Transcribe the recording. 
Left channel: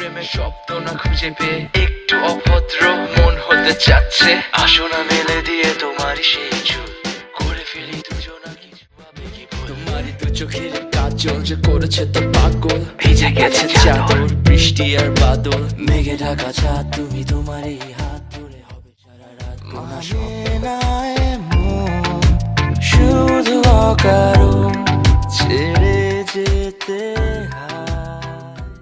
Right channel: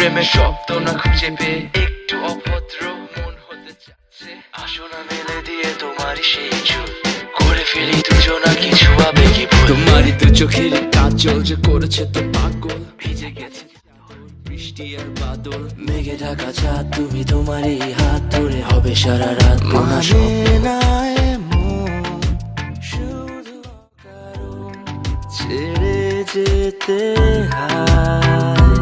প্রেমের শব্দ না খুঁজে পেয়ে একটু অভদ্র মন হতে চাচ্ছে। আসো না মেলে দিয়ে তোমারই সেই চুল, করে ফেলি দুজনা কিছু আবেগী ভুল। তোমারই দু চোখের কাজল যে করেছে তো পাগল, ভিজে গেছে চাদর বৃষ্টি আর বাদল, মেঘে ঢাকা চাঁদ তুমি তোমারই হাত ধরে হবে সারা রাত। মানে না এমন শুধু অকারণ ছেড়ে যেতে হয়।